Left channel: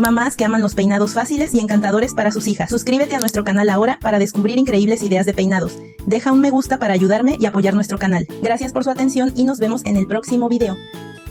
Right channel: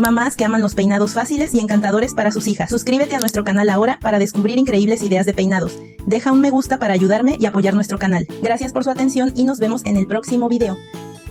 Mamás que aman los peinados fáciles y encantadores para sus hijas. Suscríbete a nuestro canal ahora para descubrir increíbles ideas de peinados. Deja un me gusta para ayudarme y apoyar nuestro canal. Gracias por su atención y nos vemos en el próximo video.